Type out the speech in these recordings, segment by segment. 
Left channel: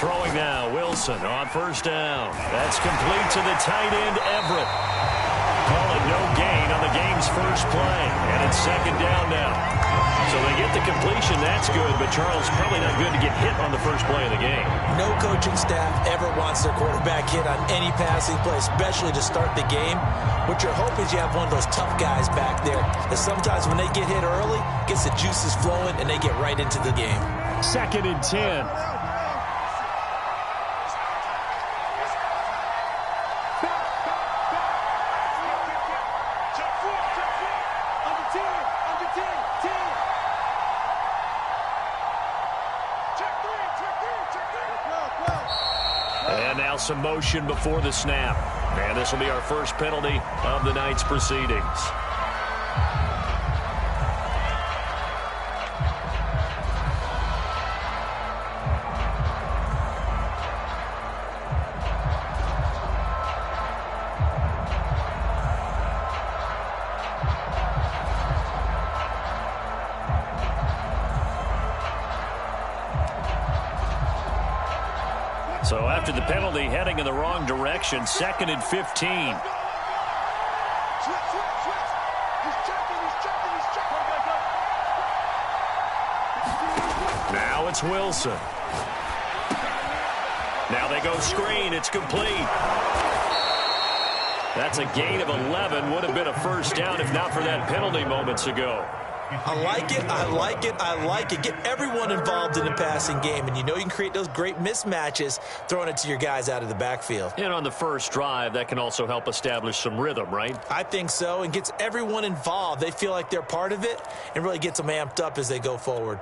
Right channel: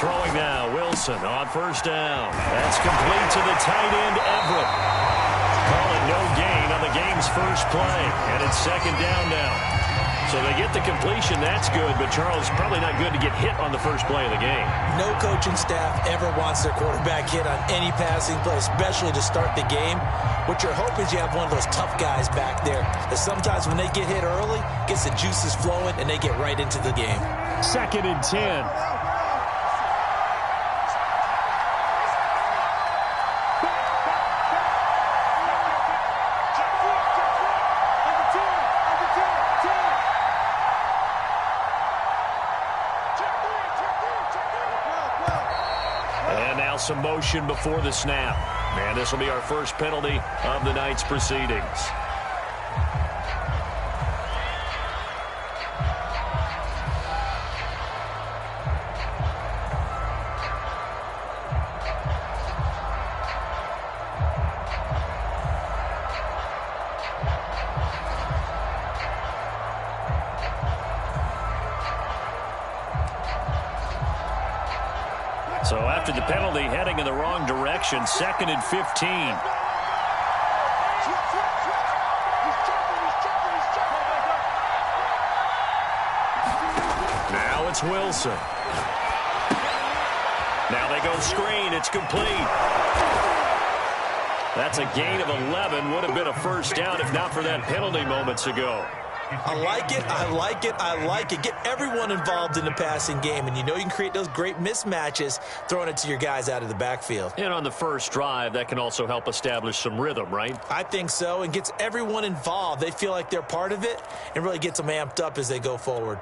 Throwing now, Wilson on first down. That's complete to the tight end, Everett. Call it no gain on the game's first play. And it's second down now. So they get the completion, that's good, but Charles, probably not good to get hit on the first play of the game. No coaching staff ever wants their quarterback hit on any passing play, especially to start the game. What you're hoping is you have one of those tough guys back there that sometimes when they get hit early, gets the juices flowing, and they get right into the game. 2nd and 10. And now some motion before the snap. And this will be our first penalty of the night's proceedings. So after the penalty, heading in the wrong direction, 2nd and 15. Now it's Wilson. Now they go screen. It's complete. That's a gain of 11. Would have been a first down if not for that penalty moments ago. I like it, I like it, I like it. Get everyone involved in the passing game, and you know you can create those great mismatches throwing it to your guys out of the backfield. And on the first drive, that can also help establish some rhythm, right? I think so, and gets everyone involved. They feel like they're part of it and really gets them amped up as they go forward.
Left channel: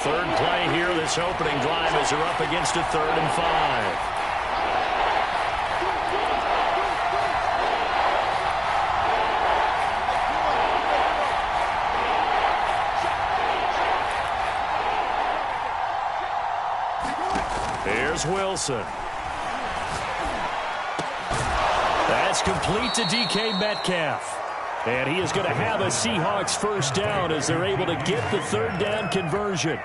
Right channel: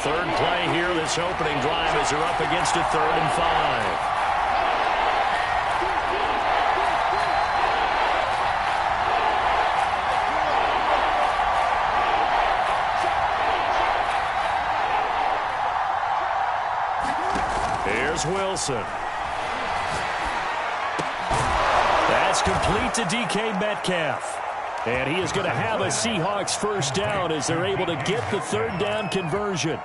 Third play here, this opening drive as they're up against a 3rd and 5. Here's Wilson. That's complete to DK Metcalf. And he is going to have a Seahawks first down as they're able to get the 3rd down conversion.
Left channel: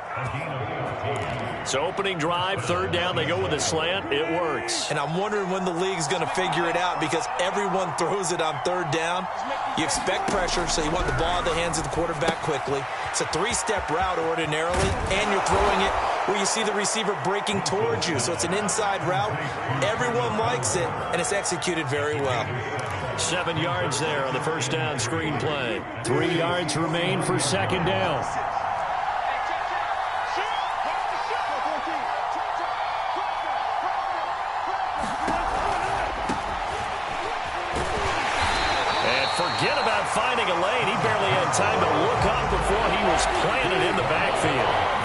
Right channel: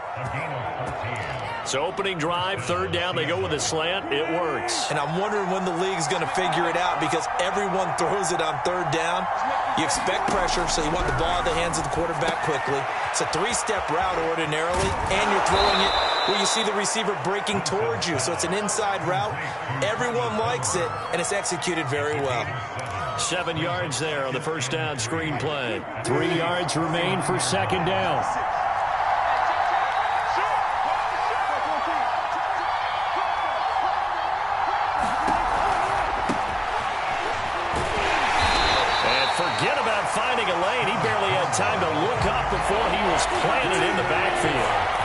So opening drive, 3rd down, they go with a slant. It works. And I'm wondering when the league's going to figure it out because everyone throws it on 3rd down. You expect pressure, so you want the ball in the hands of the quarterback quickly. It's a 3-step route ordinarily, and you're throwing it where you see the receiver breaking towards you. So it's an inside route. Everyone likes it, and it's executed very well. 7 yards there on the first down screen play. 3 yards remain for second down. And forget about finding a lane. He barely had time to look up before he was planted in the backfield.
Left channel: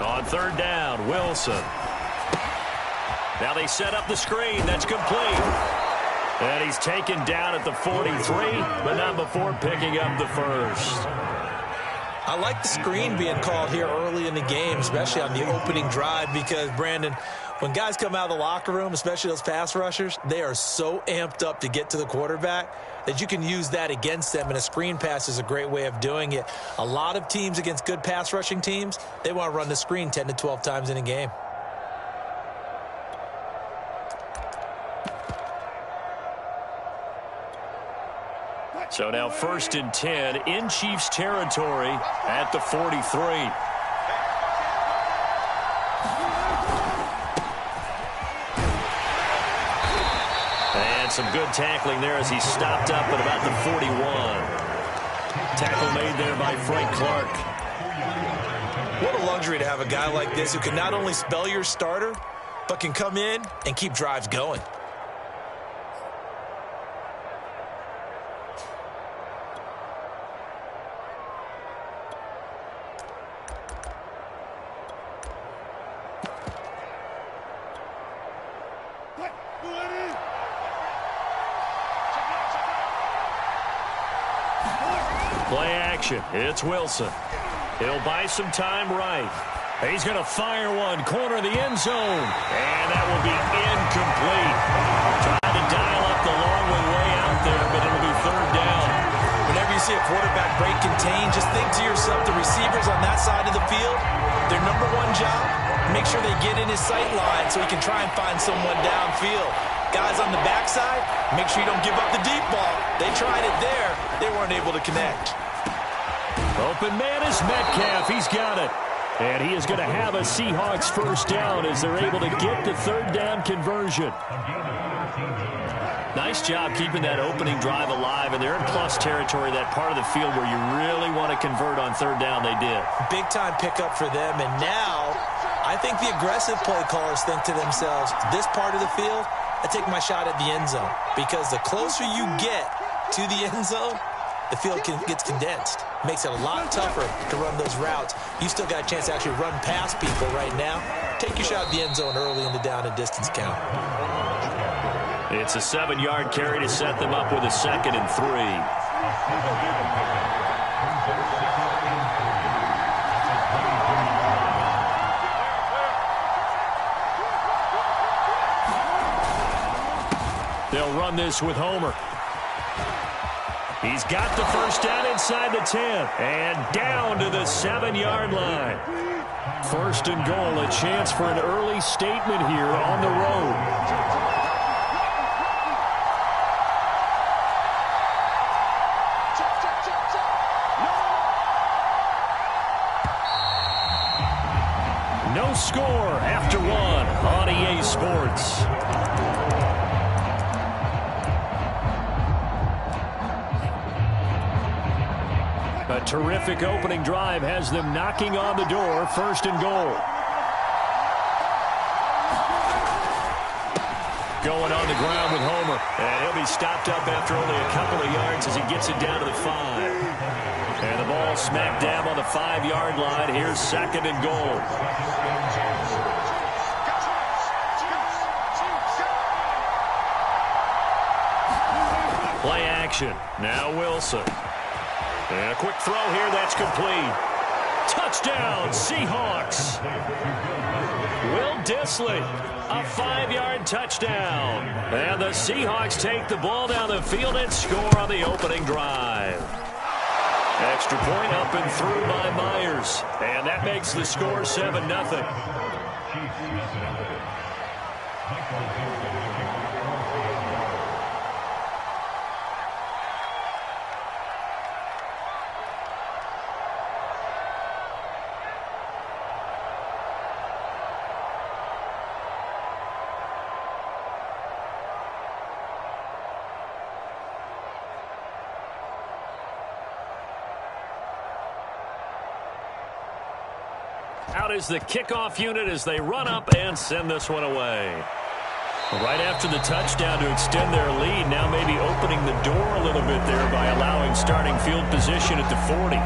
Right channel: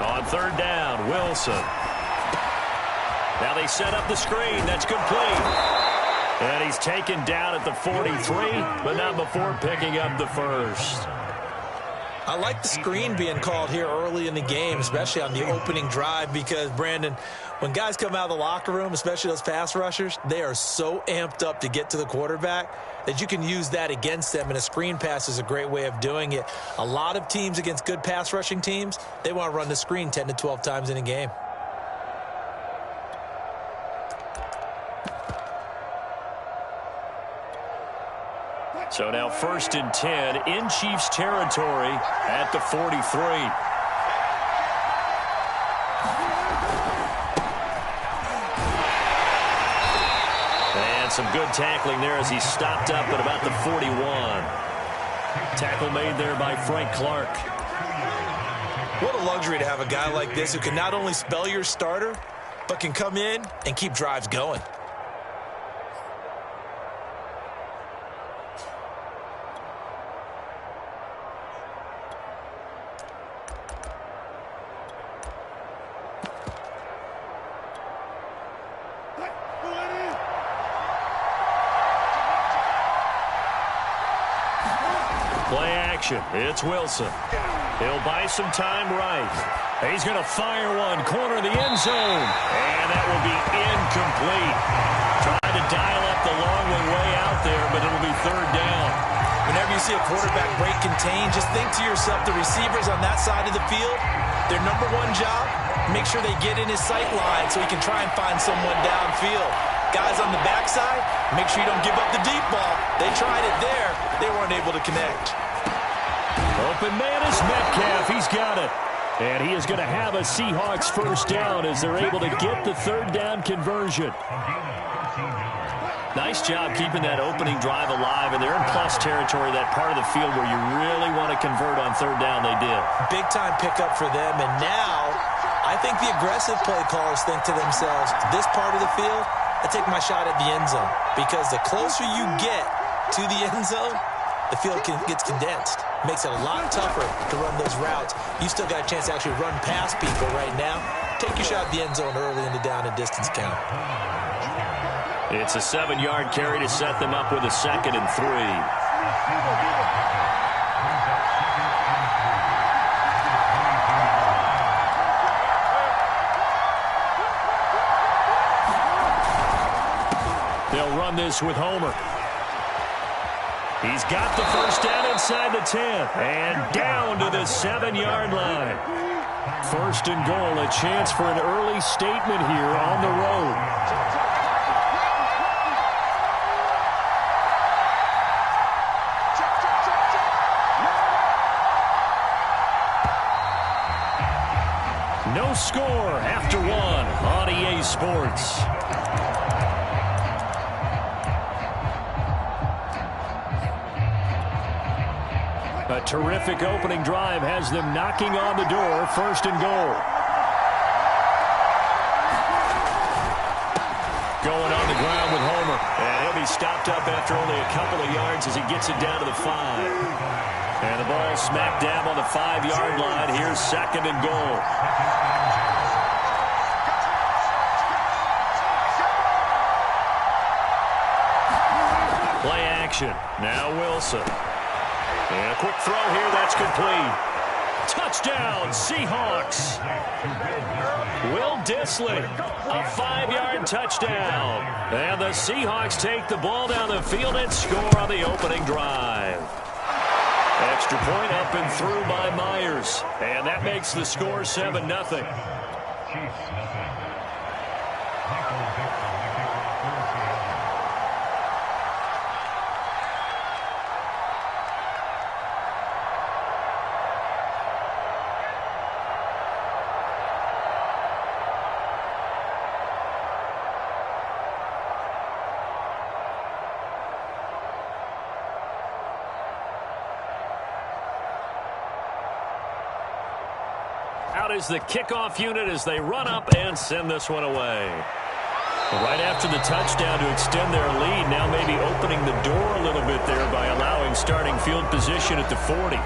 On 3rd down, Wilson. Now they set up the screen. That's complete. And he's taken down at the 43, but not before picking up the first. I like the screen being called here early in the game, especially on the opening drive, because, Brandon, when guys come out of the locker room, especially those pass rushers, they are so amped up to get to the quarterback that you can use that against them, and a screen pass is a great way of doing it. A lot of teams against good pass rushing teams, they want to run the screen 10 to 12 times in a game. So now 1st and 10 in Chiefs territory at the 43. And some good tackling there as he stopped up at about the 41. Tackle made there by Frank Clark. What a luxury to have a guy like this who can not only spell your starter, but can come in and keep drives going. Play action. It's Wilson. He'll buy some time right. He's going to fire one. Corner of the end zone. And that will be incomplete. Trying to dial up the long one way out there, but it'll be third down. Whenever you see a quarterback break contain, just think to yourself, the receivers on that side of the field, their number one job, make sure they get in his sight line so he can try and find someone downfield. Guys on the backside, make sure you don't give up the deep ball. They tried it there. They weren't able to connect. Open man is Metcalf. He's got it. And he is going to have a Seahawks first down as they're able to get the third down conversion. Nice job keeping that opening drive alive, and they're in plus territory, that part of the field where you really want to convert on third down. They did. Big-time pickup for them, and now I think the aggressive play callers think to themselves, this part of the field, I take my shot at the end zone, because the closer you get to the end zone, the field gets condensed. Makes it a lot tougher to run those routes. You still got a chance to actually run past people right now. Take your shot at the end zone early in the down and distance count. It's a 7-yard carry to set them up with a 2nd and 3. They'll run this with Homer. He's got the first down inside the 10 and down to the 7-yard line. First and goal, a chance for an early statement here on the road. No score after one on EA Sports. A terrific opening drive has them knocking on the door. First and goal. Going on the ground with Homer. And he'll be stopped up after only a couple of yards as he gets it down to the 5. And the ball smack dab on the 5-yard line. Here's 2nd and goal. Play action. Now Wilson. And a quick throw here. That's complete. Touchdown, Seahawks. Will Dissly, a 5-yard touchdown. And the Seahawks take the ball down the field and score on the opening drive. Extra point up and through by Myers. And that makes the score 7-0. Out is the kickoff unit as they run up and send this one away. Right after the touchdown to extend their lead, now maybe opening the door a little bit there by allowing starting field position at the 40.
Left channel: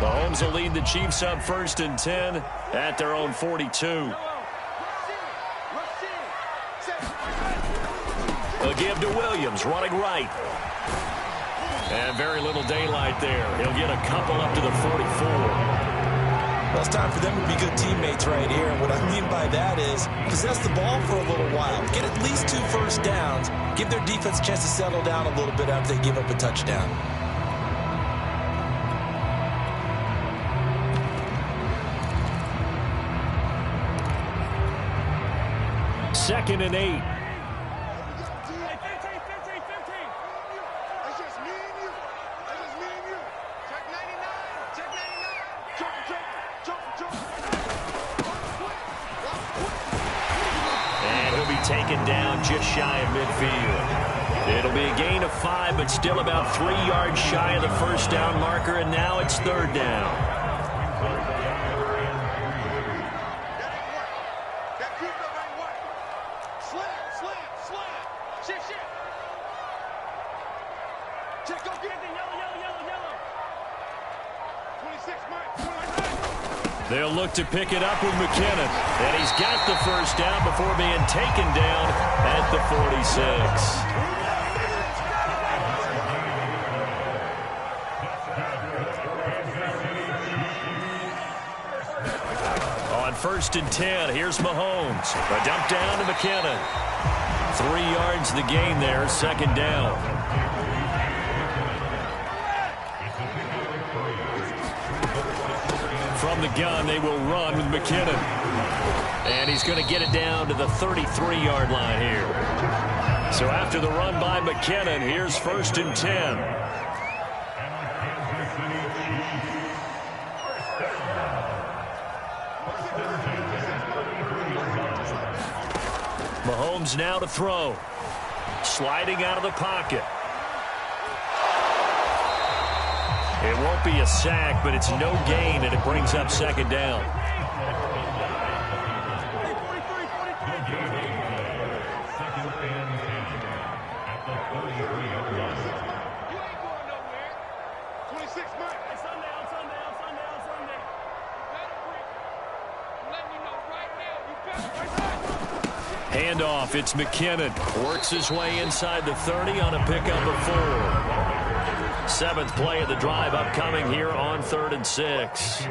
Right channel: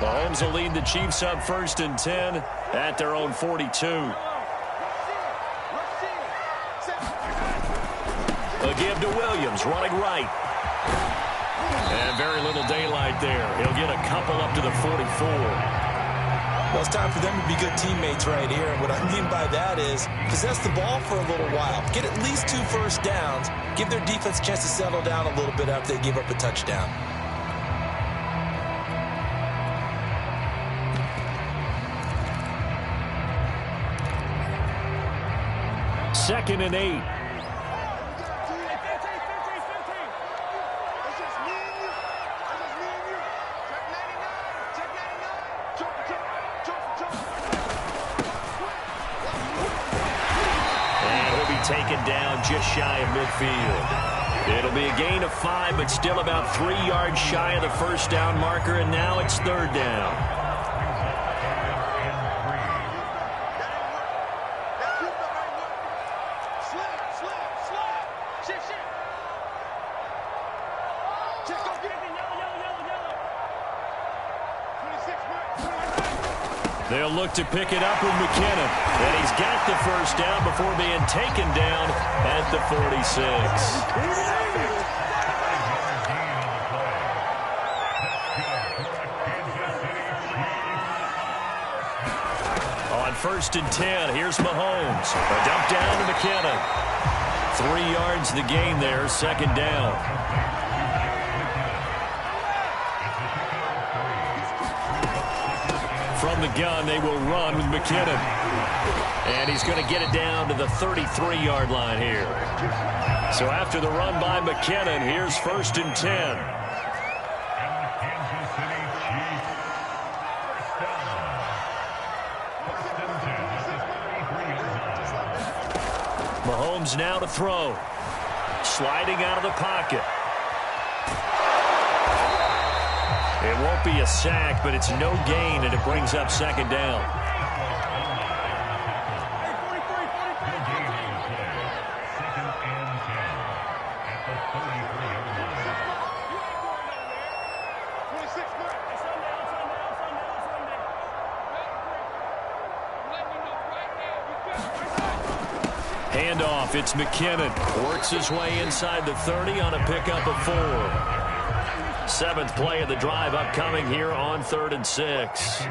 Mahomes will lead the Chiefs up 1st and 10 at their own 42. A give to Williams, running right. And very little daylight there. He'll get a couple up to the 44. Well, it's time for them to be good teammates right here. And what I mean by that is possess the ball for a little while. Get at least 2 first downs. Give their defense a chance to settle down a little bit after they give up a touchdown. 2nd and 8. And he'll be taken down just shy of midfield. It'll be a gain of 5, but still about 3 yards shy of the first down marker, and now it's third down. They'll look to pick it up with McKinnon. And he's got the first down before being taken down at the 46. On 1st and 10, here's Mahomes. A dump down to McKinnon. 3 yards the gain there, second down. From the gun, they will run with McKinnon. And he's going to get it down to the 33-yard line here. So after the run by McKinnon, here's 1st and 10. Mahomes now to throw. Sliding out of the pocket. It won't be a sack, but it's no gain, and it brings up second down. Handoff, it's McKinnon. Works his way inside the 30 on a pickup of 4. 7th play of the drive upcoming here on 3rd and 6.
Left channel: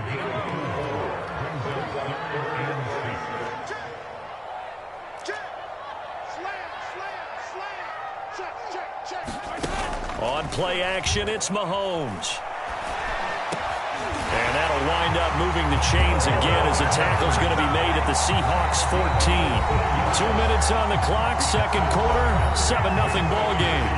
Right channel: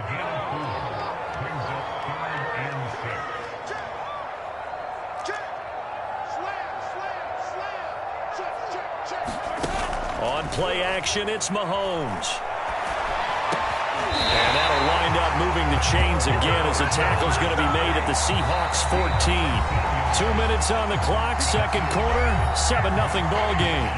On play action, it's Mahomes. And that'll wind up moving the chains again as the tackle's going to be made at the Seahawks 14. 2 minutes on the clock, second quarter, 7-0 ball game.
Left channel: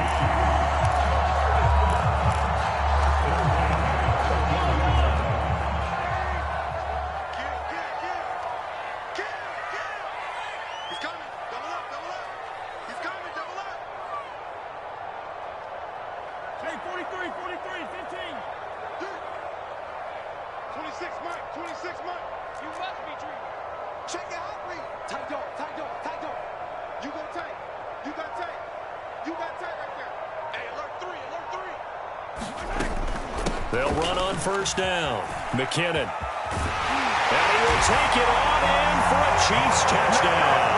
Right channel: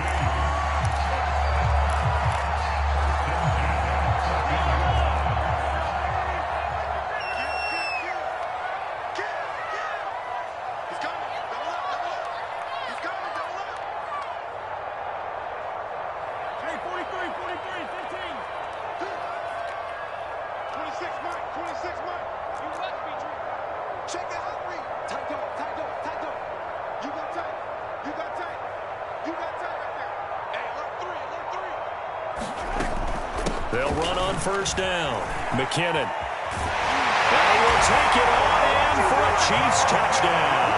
They'll run on first down. McKinnon. And he will take it on in for a Chiefs touchdown.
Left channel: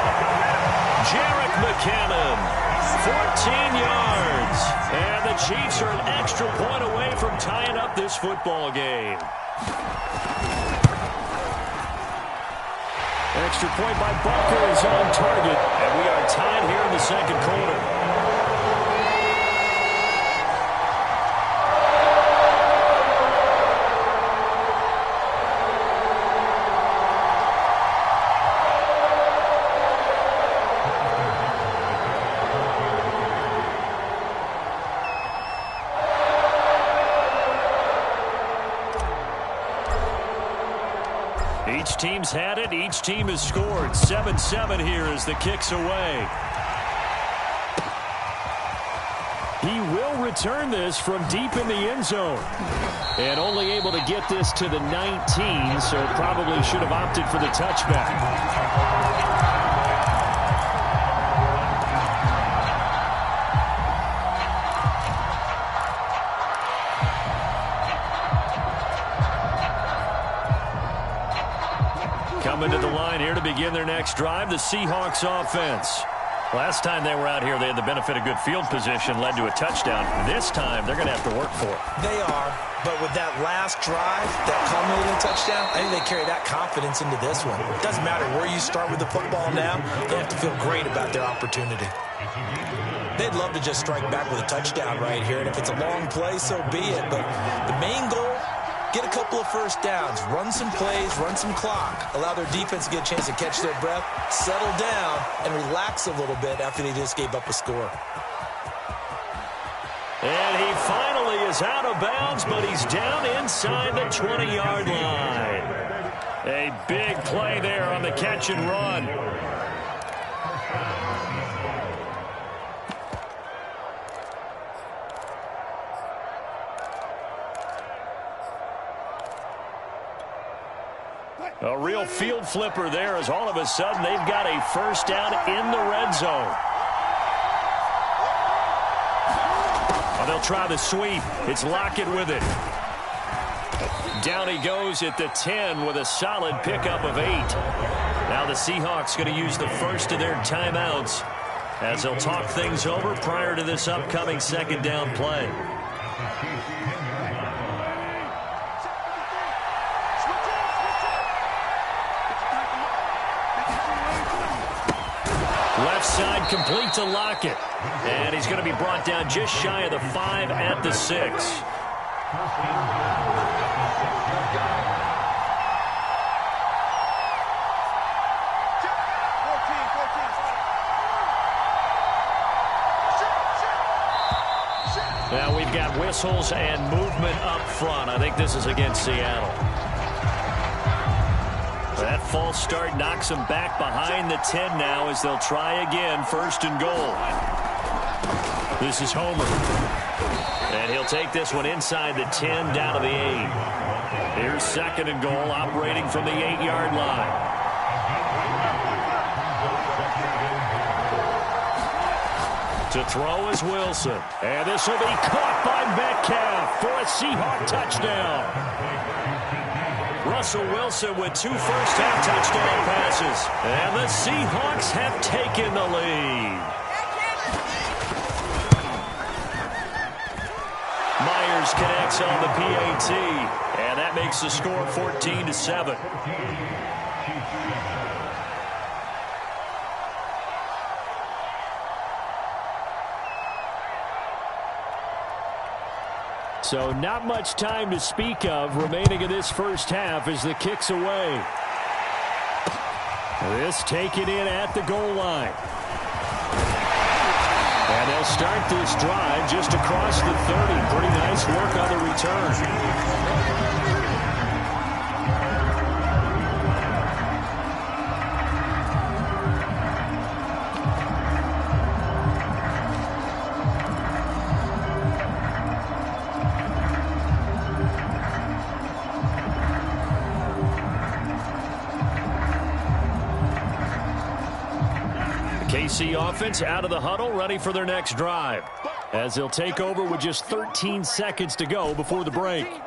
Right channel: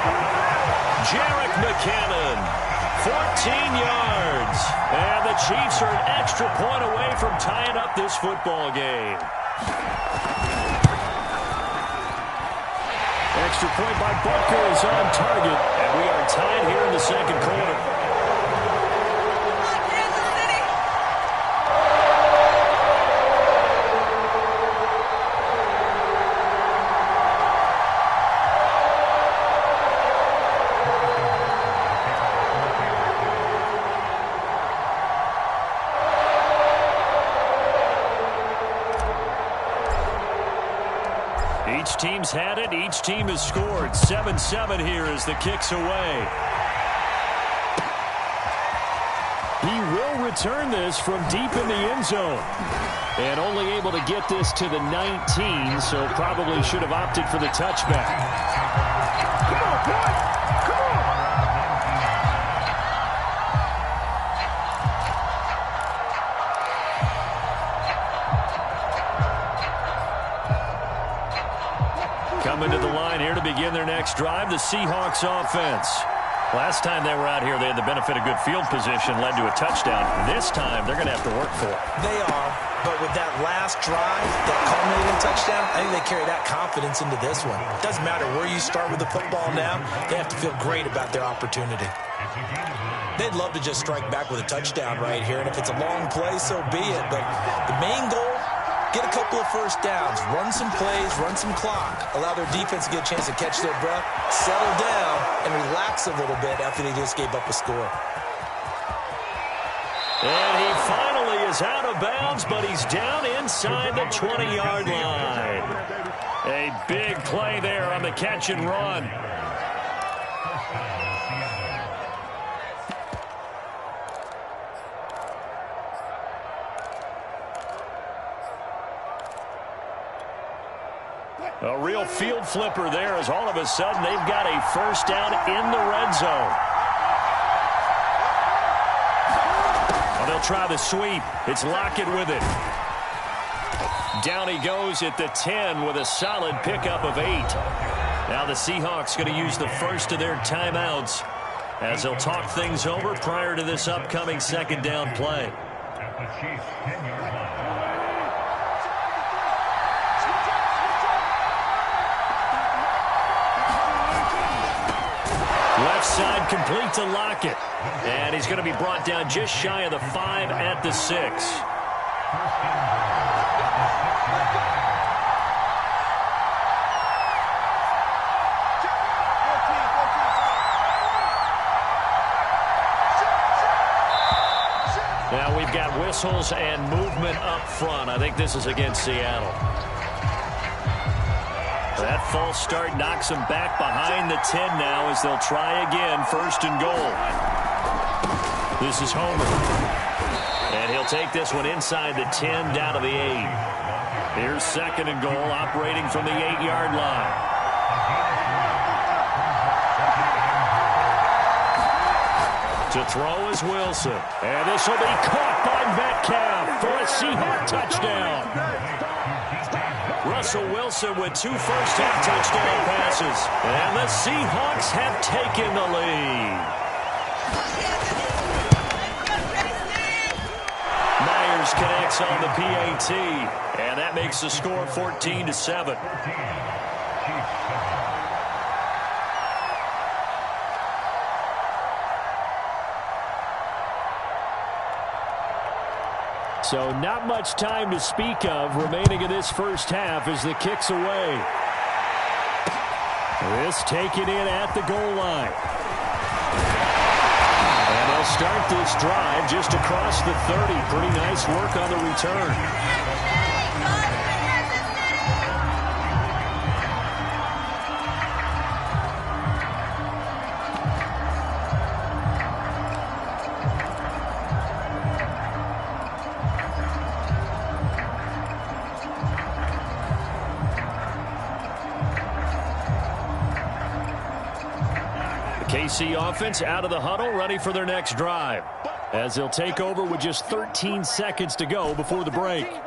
Jerick McKinnon, 14 yards. And the Chiefs are an extra point away from tying up this football game. Extra point by Butker is on target. And we are tied here in the second quarter. Each team's had it. Each team has scored. 7-7 here as the kick's away. He will return this from deep in the end zone. And only able to get this to the 19, so probably should have opted for the touchback. Coming to the line here to begin their next drive, the Seahawks offense. Last time they were out here, they had the benefit of good field position, led to a touchdown. This time, they're going to have to work for it. They are, but with that last drive, that culminating touchdown, I think they carry that confidence into this one. It doesn't matter where you start with the football now, they have to feel great about their opportunity. They'd love to just strike back with a touchdown right here, and if it's a long play, so be it. But the main goal, get a couple of first downs, run some plays, run some clock, allow their defense to get a chance to catch their breath, settle down, and relax a little bit after they just gave up a score. And he finally is out of bounds, but he's down inside the 20-yard line. A big play there on the catch and run. A real field flipper there as all of a sudden they've got a first down in the red zone. Oh, they'll try the sweep. It's Lockett with it. Down he goes at the 10 with a solid pickup of 8. Now the Seahawks going to use the first of their timeouts as they'll talk things over prior to this upcoming second down play. Left side complete to Lockett. And he's going to be brought down just shy of the 5 at the 6. Now we've got whistles and movement up front. I think this is against Seattle. That false start knocks them back behind the 10 now as they'll try again, first and goal. This is Homer. And he'll take this one inside the 10 down to the 8. Here's second and goal operating from the 8-yard line. To throw is Wilson. And this will be caught by Metcalf for a Seahawk touchdown. Russell Wilson with 2 first-half touchdown passes. And the Seahawks have taken the lead. Myers connects on the PAT. And that makes the score 14-7. So not much time to speak of remaining in this first half as the kick's away. This taken in at the goal line. And they'll start this drive just across the 30. Pretty nice work on the return. KC offense out of the huddle, ready for their next drive, as they'll take over with just 13 seconds to go before the break.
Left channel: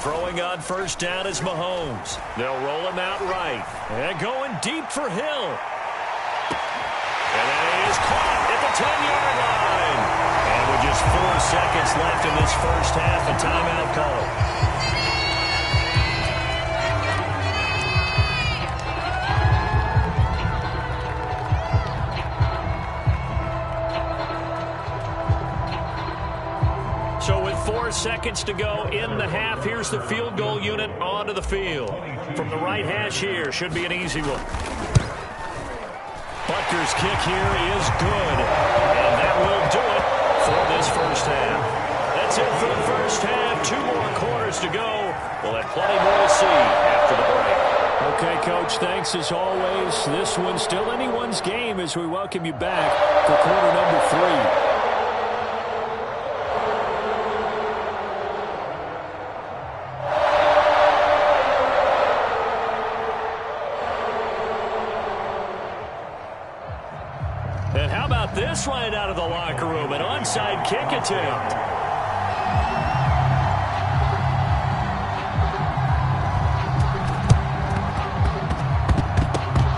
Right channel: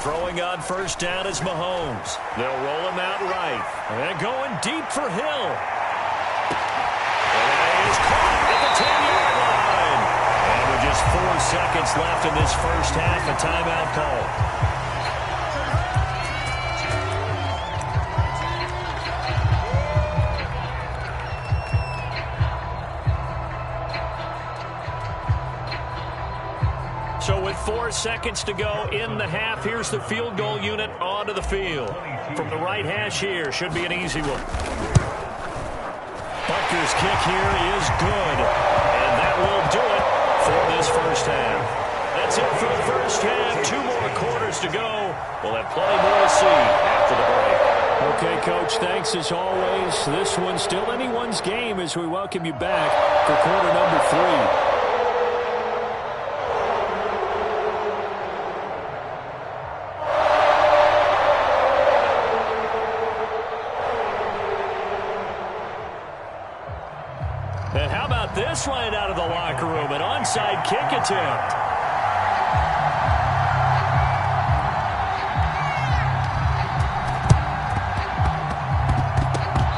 Throwing on first down is Mahomes. They'll roll him out right. And going deep for Hill. And that is caught at the 10-yard line. And with just 4 seconds left in this first half, a timeout call. So with 4 seconds to go in the half, here's the field goal unit onto the field. From the right hash here, should be an easy one. Butker's kick here is good. And that will do it for this first half. That's it for the first half. 2 more quarters to go. We'll have plenty more to see after the break. Okay, Coach, thanks as always. This one's still anyone's game as we welcome you back for quarter number 3. And how about this right out of the locker room? An onside kick attempt.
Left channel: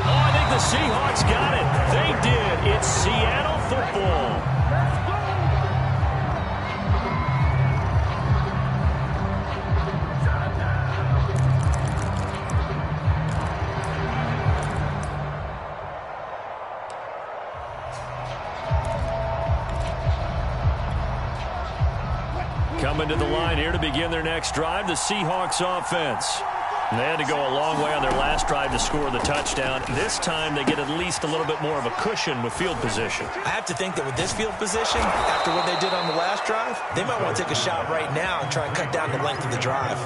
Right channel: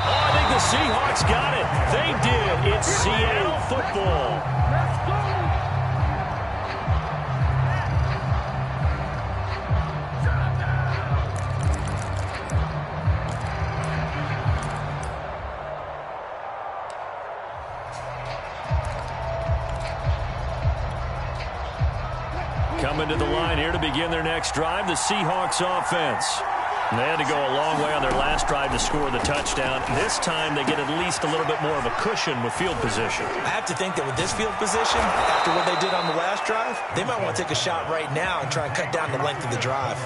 Oh, I think the Seahawks got it. They did. It's Seattle football. Coming to the line here to begin their next drive, the Seahawks offense. They had to go a long way on their last drive to score the touchdown. This time they get at least a little bit more of a cushion with field position. I have to think that with this field position, after what they did on the last drive, they might want to take a shot right now and try and cut down the length of the drive.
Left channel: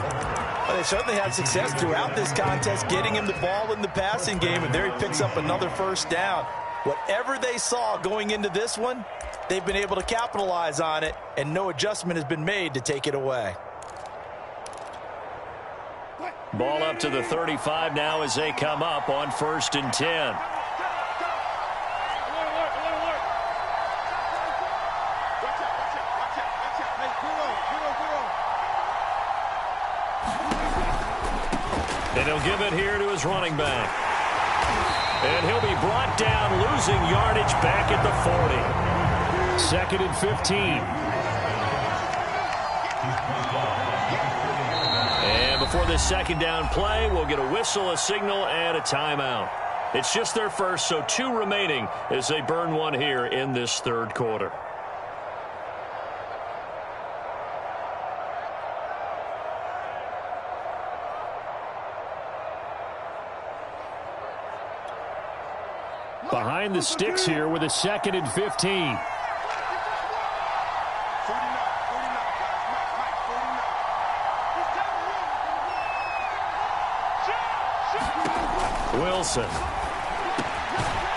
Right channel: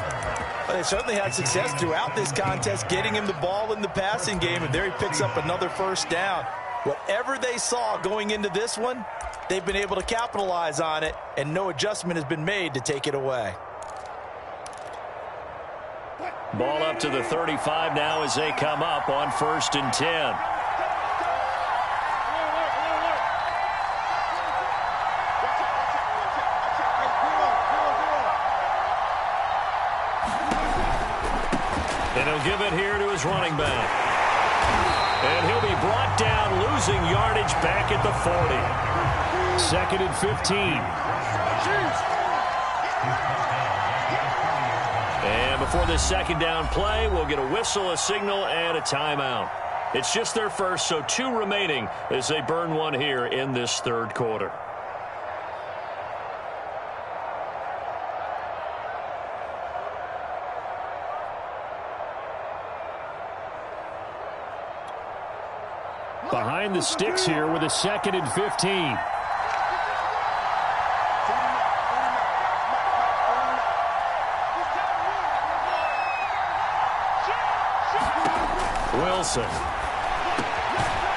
Well, they certainly had success throughout this contest, getting him the ball in the passing game, and there he picks up another first down. Whatever they saw going into this one, they've been able to capitalize on it, and no adjustment has been made to take it away. Ball up to the 35 now as they come up on 1st and 10. And he'll give it here to his running back. And he'll be brought down, losing yardage back at the 40. 2nd and 15. And before this second down play, we'll get a whistle, a signal, and a timeout. It's just their first, so 2 remaining as they burn one here in this 3rd quarter. Behind the sticks here with a 2nd and 15. Wilson.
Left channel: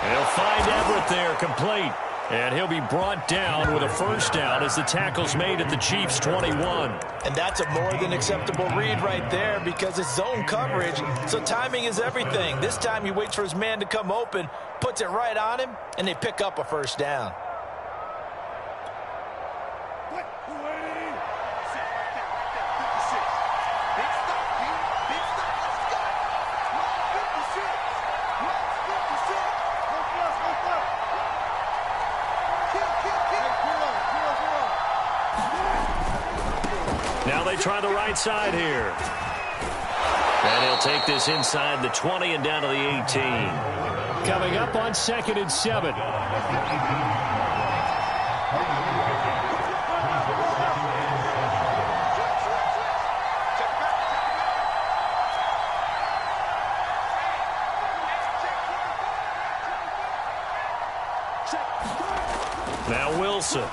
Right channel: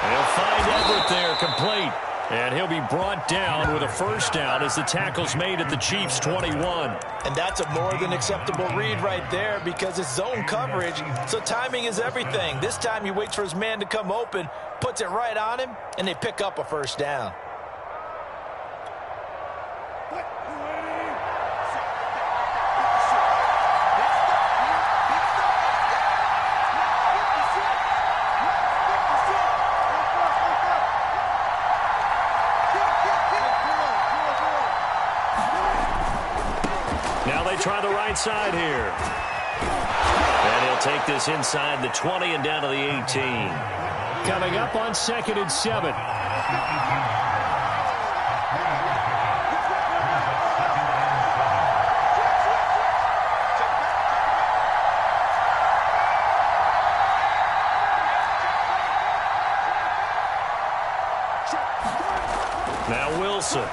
And he'll find Everett there, complete. And he'll be brought down with a 1st down as the tackle's made at the Chiefs' 21. And that's a more than acceptable read right there because it's zone coverage, so timing is everything. This time he waits for his man to come open, puts it right on him, and they pick up a 1st down. Now they try the right side here. And he'll take this inside the 20 and down to the 18. Coming up on 2nd and 7. Now Wilson.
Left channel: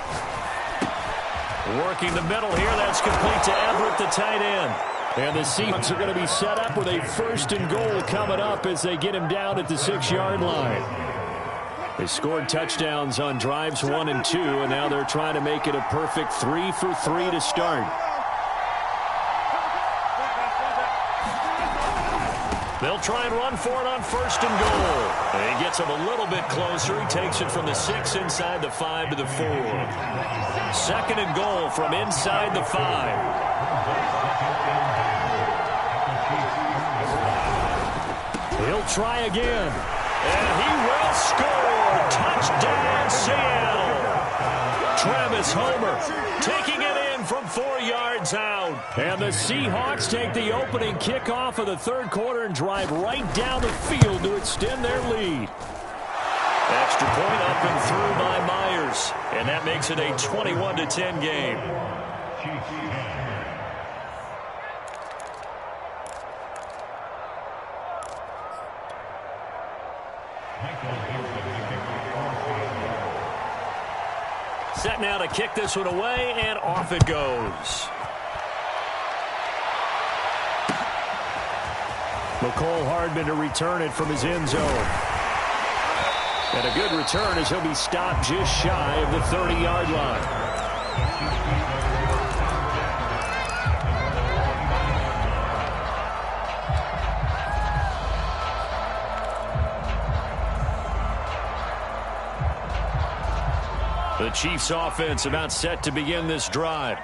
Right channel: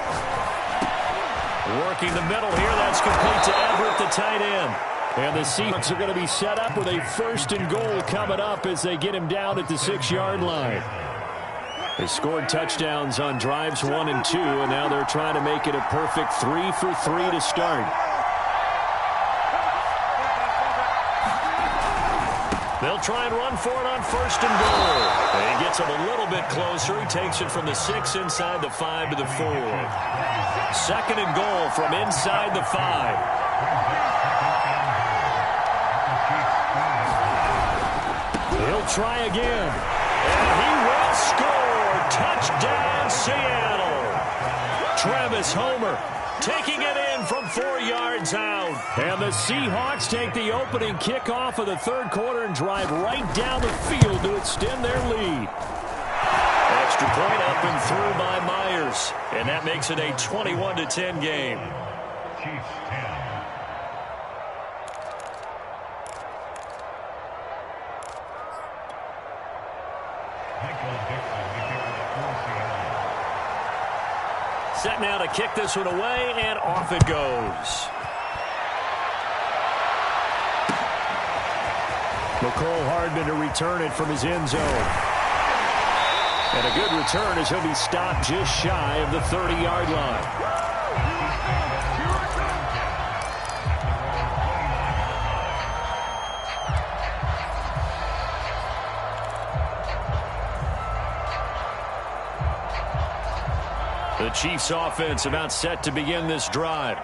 Working the middle here. That's complete to Everett, the tight end. And the Seahawks are going to be set up with a 1st and goal coming up as they get him down at the 6-yard line. They scored touchdowns on drives 1 and 2, and now they're trying to make it a perfect 3 for 3 to start. They'll try and run for it on 1st and goal. And he gets him a little bit closer. He takes it from the 6 inside the 5 to the 4. 2nd and goal from inside the 5. He'll try again. And he will score. Touchdown, Seattle. Travis Homer taking it in from 4 yards out. And the Seahawks take the opening kickoff of the 3rd quarter and drive right down the field to extend their lead. Extra point up and through by Myers. And that makes it a 21-10 game. Set now to kick this one away, and off it goes. McCole Hardman to return it from his end zone. And a good return as he'll be stopped just shy of the 30-yard line. The Chiefs offense about set to begin this drive.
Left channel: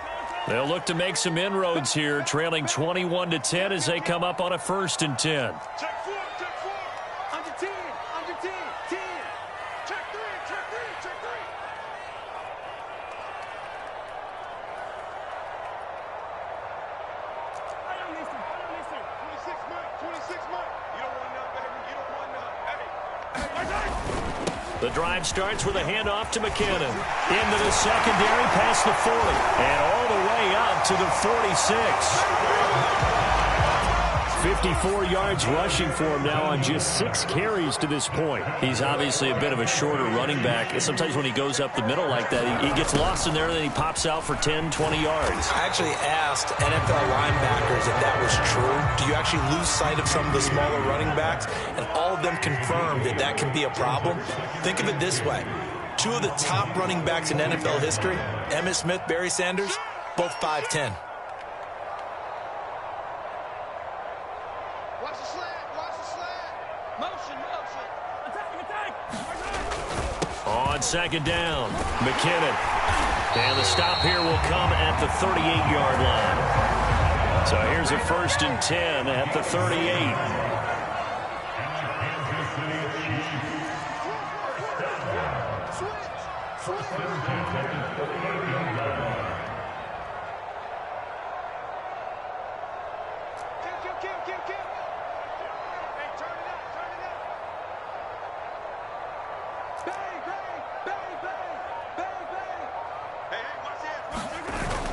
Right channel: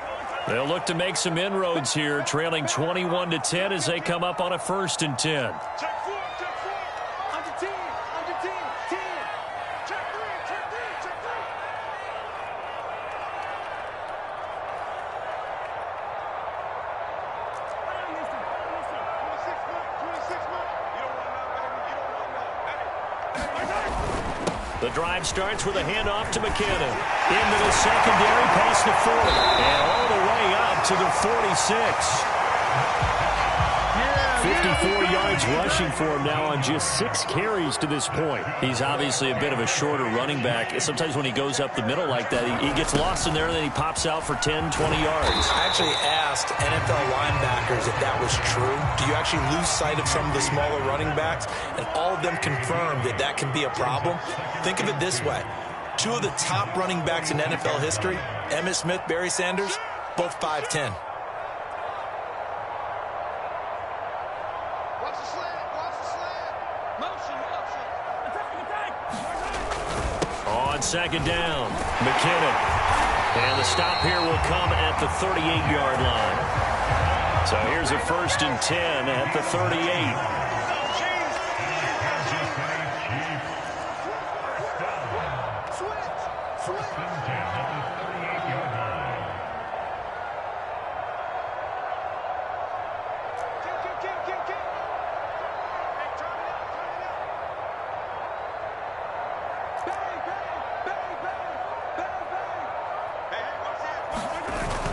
They'll look to make some inroads here, trailing 21-10 as they come up on a 1st and 10. Check 4, under 10, 10. Check 3, check 3. I don't listen. 26 months. You don't want none, baby. You don't want none. Hey. The drive starts with a handoff to McKinnon. Into the secondary, past the 40. And all the way up to the 46. 54 yards rushing for him now on just 6 carries to this point. He's obviously a bit of a shorter running back. Sometimes when he goes up the middle like that, he gets lost in there, and then he pops out for 10, 20 yards. I actually asked NFL linebackers if that was true. Do you actually lose sight of some of the smaller running backs? And all of them confirmed that that can be a problem. Think of it this way. Two of the top running backs in NFL history, Emmitt Smith, Barry Sanders, both 5'10". Watch the slant. Watch the slant. Motion. Attack. On second down, McKinnon. And the stop here will come at the 38-yard line. So here's a 1st and 10 at the 38.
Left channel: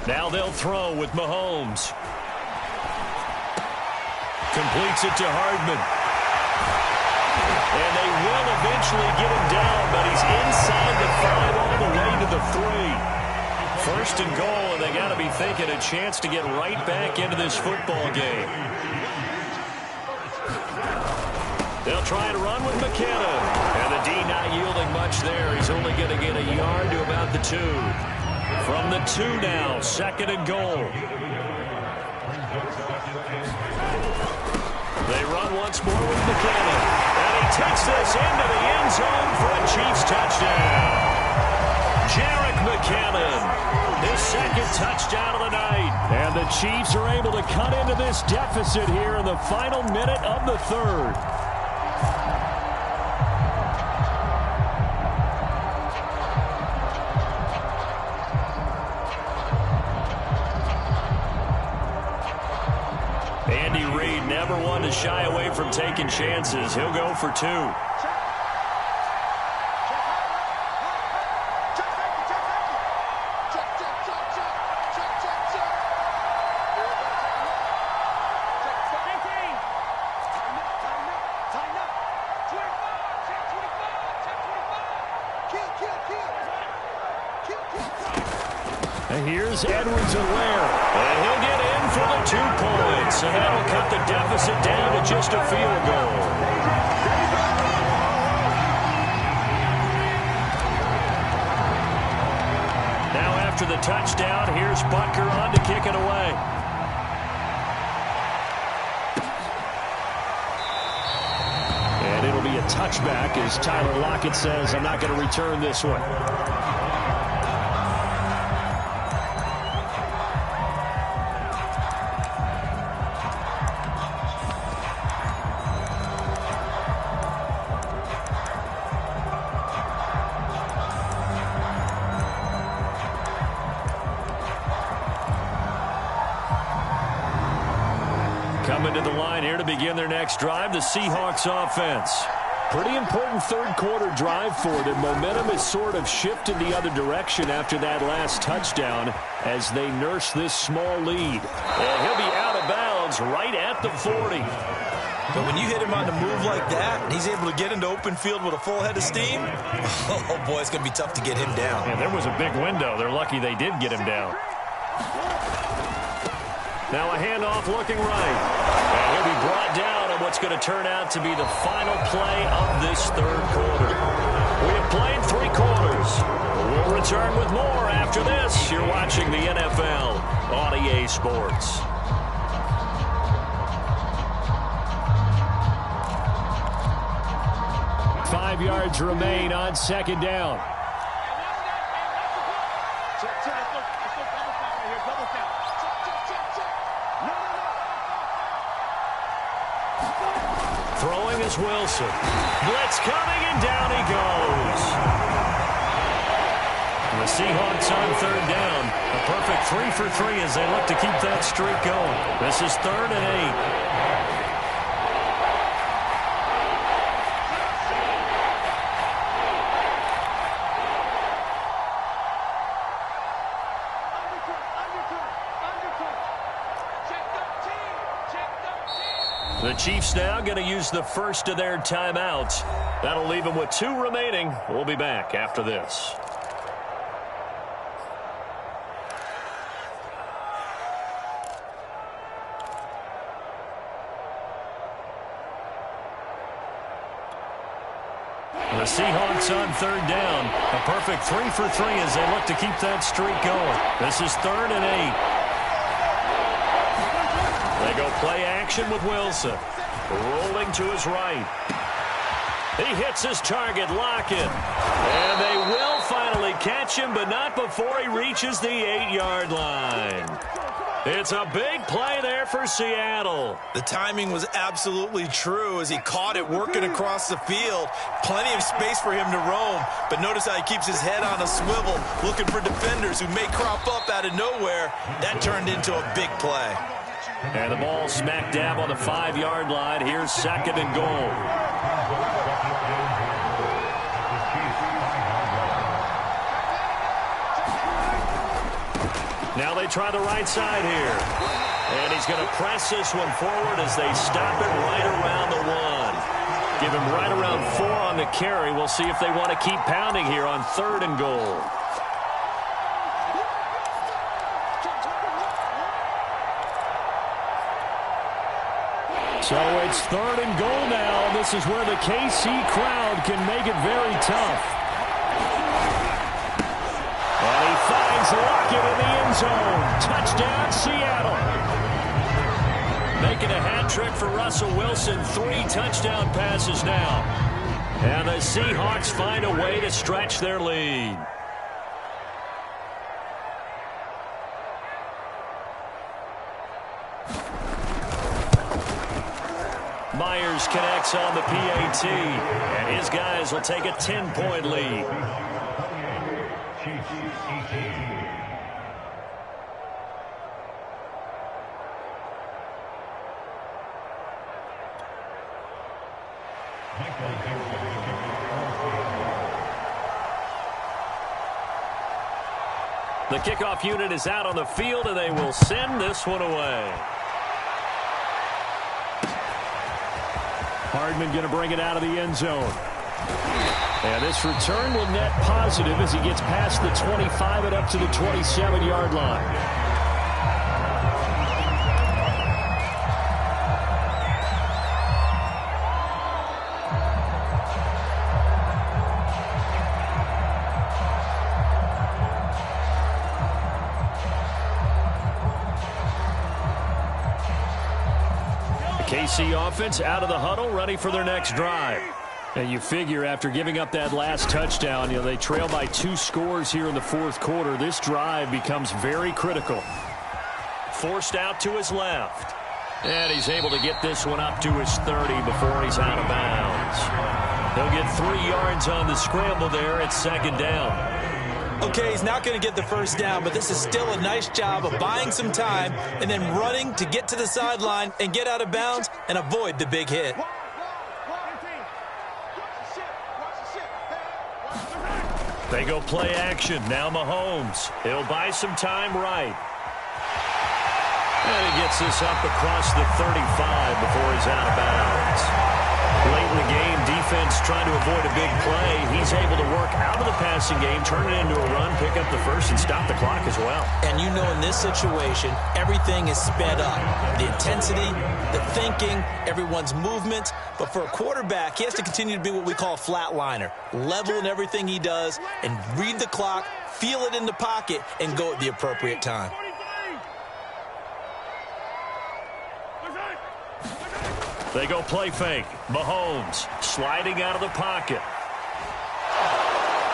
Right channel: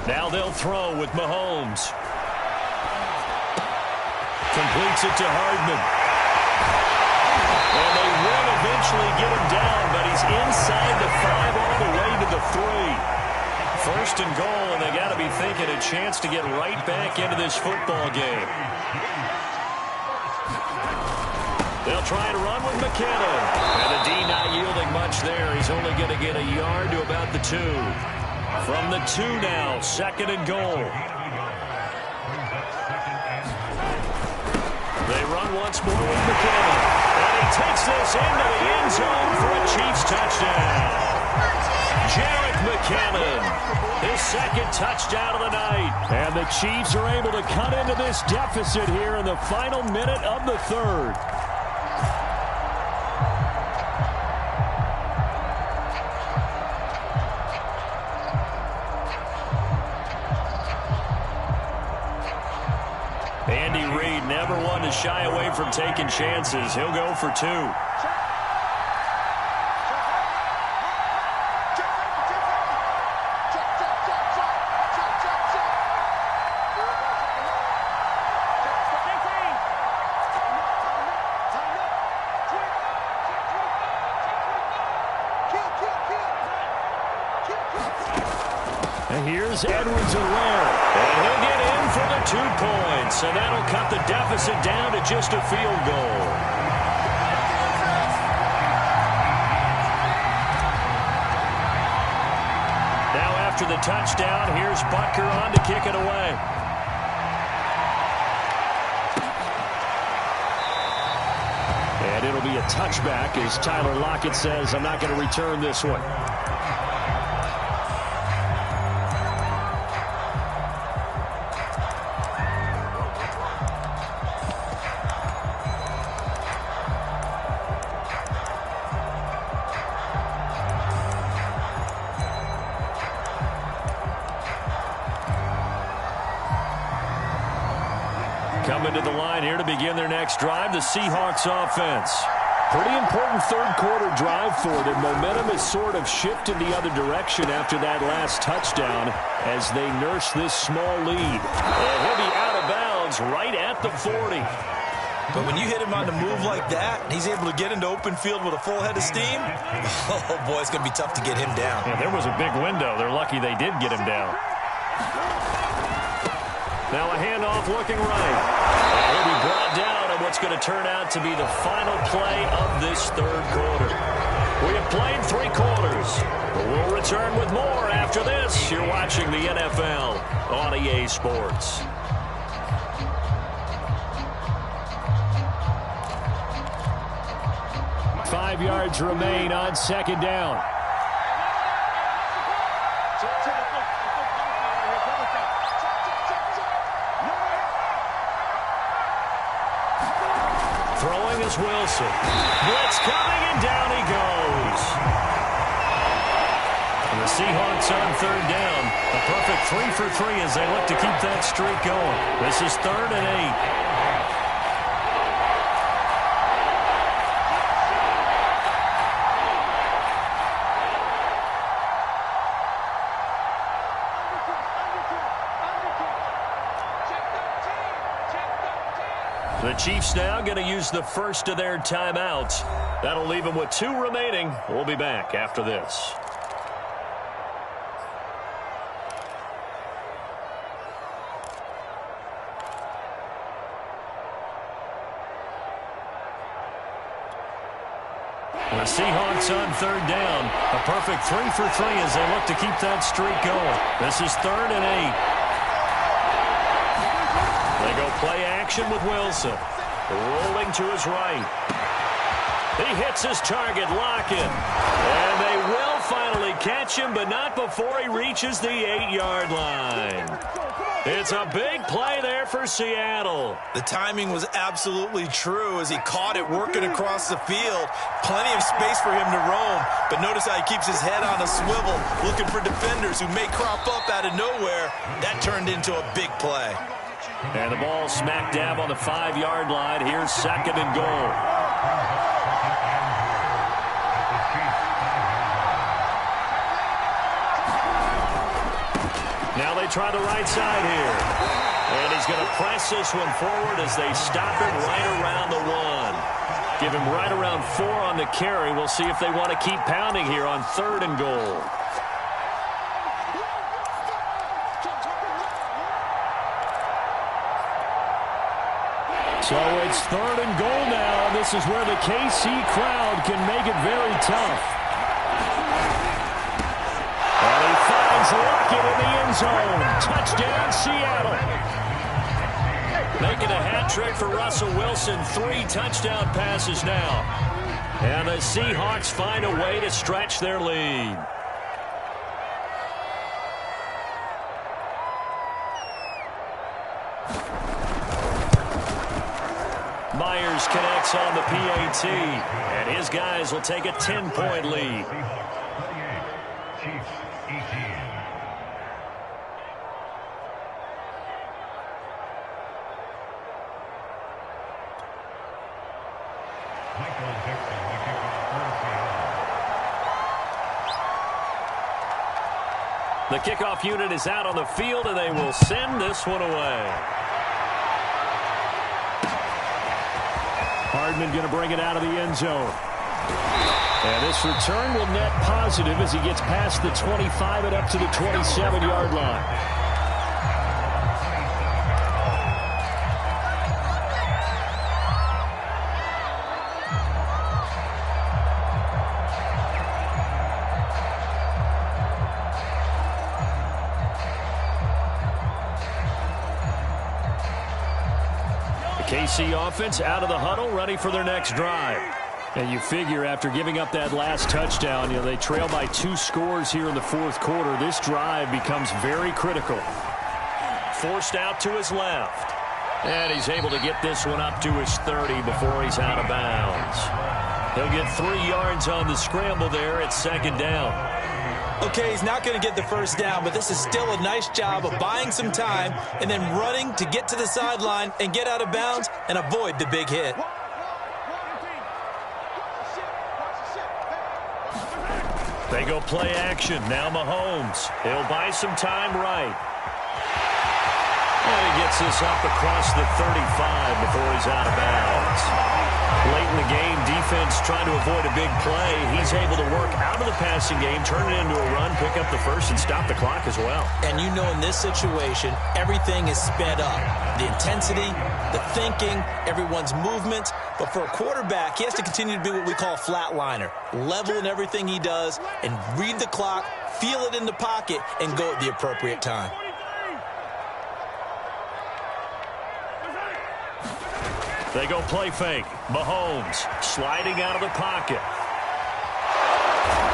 Now they'll throw with Mahomes. Completes it to Hardman. And they will eventually get him down, but he's inside the 5 all the way to the 3. 1st and goal, and they got to be thinking a chance to get right back into this football game. They'll try and run with McKinnon. And the D not yielding much there. He's only going to get a yard to about the 2. From the 2 now, 2nd and goal. They run once more with McKinnon. And he takes this into the end zone for a Chiefs touchdown. Jerick McKinnon, his 2nd touchdown of the night. And the Chiefs are able to cut into this deficit here in the final minute of the 3rd. Andy Reid never one to shy away from taking chances. He'll go for 2. And here's Edwards-Helaire, and he'll get in for the 2 points, and that'll cut the deficit down to just a field goal. Now after the touchdown, here's Butker on to kick it away. And it'll be a touchback as Tyler Lockett says, I'm not going to return this one. Coming to the line here to begin their next drive, the Seahawks offense. Pretty important 3rd quarter drive for them. Momentum has sort of shifted the other direction after that last touchdown as they nurse this small lead. And he'll be out of bounds right at the 40. But when you hit him on the move like that, and he's able to get into open field with a full head of steam, oh boy, it's going to be tough to get him down. Yeah, there was a big window. They're lucky they did get him down. Now a handoff looking right. And he'll be brought down on what's going to turn out to be the final play of this 3rd quarter. We have played 3 quarters. We'll return with more after this. You're watching the NFL on EA Sports. Five yards remain on 2nd down. Throwing is Wilson. Blitz coming, and down he goes. And the Seahawks on 3rd down. A perfect 3 for 3 as they look to keep that streak going. This is 3rd and 8. The Chiefs now going to use the first of their timeouts. That'll leave them with 2 remaining. We'll be back after this. The Seahawks on third down. A perfect 3 for 3 as they look to keep that streak going. This is 3rd and 8. They go play action with Wilson. Rolling to his right. He hits his target, Lockett. And they will finally catch him, but not before he reaches the 8-yard line. It's a big play there for Seattle. The timing was absolutely true as he caught it working across the field. Plenty of space for him to roam, but notice how he keeps his head on a swivel, looking for defenders who may crop up out of nowhere. That turned into a big play. And the ball smack dab on the 5-yard line. Here's 2nd and goal. Now they try the right side here. And he's going to press this one forward as they stop it right around the 1. Give him right around 4 on the carry. We'll see if they want to keep pounding here on 3rd and goal. So it's 3rd and goal now. This is where the KC crowd can make it very tough. And he finds Lockett in the end zone. Touchdown, Seattle. Making a hat trick for Russell Wilson. 3 touchdown passes now. And the Seahawks find a way to stretch their lead. Myers connects on the PAT, and his guys will take a 10-point lead. The kickoff unit is out on the field, and they will send this one away. Hardman going to bring it out of the end zone. And this return will net positive as he gets past the 25 and up to the 27-yard line. KC offense out of the huddle, ready for their next drive. And you figure after giving up that last touchdown, they trail by 2 scores here in the 4th quarter. This drive becomes very critical. Forced out to his left. And he's able to get this one up to his 30 before he's out of bounds. He'll get 3 yards on the scramble there at 2nd down. Okay, he's not going to get the first down, but this is still a nice job of buying some time and then running to get to the sideline and get out of bounds and avoid the big hit. They go play action. Now Mahomes. He'll buy some time right. And he gets this up across the 35 before he's out of bounds. Late in the game, defense trying to avoid a big play. He's able to work out of the passing game, turn it into a run, pick up the first, and stop the clock as well. And you know in this situation, everything is sped up. The intensity, the thinking, everyone's movement. But for a quarterback, he has to continue to be what we call a flatliner. Level in everything he does and read the clock, feel it in the pocket, and go at the appropriate time. They go play fake. Mahomes sliding out of the pocket.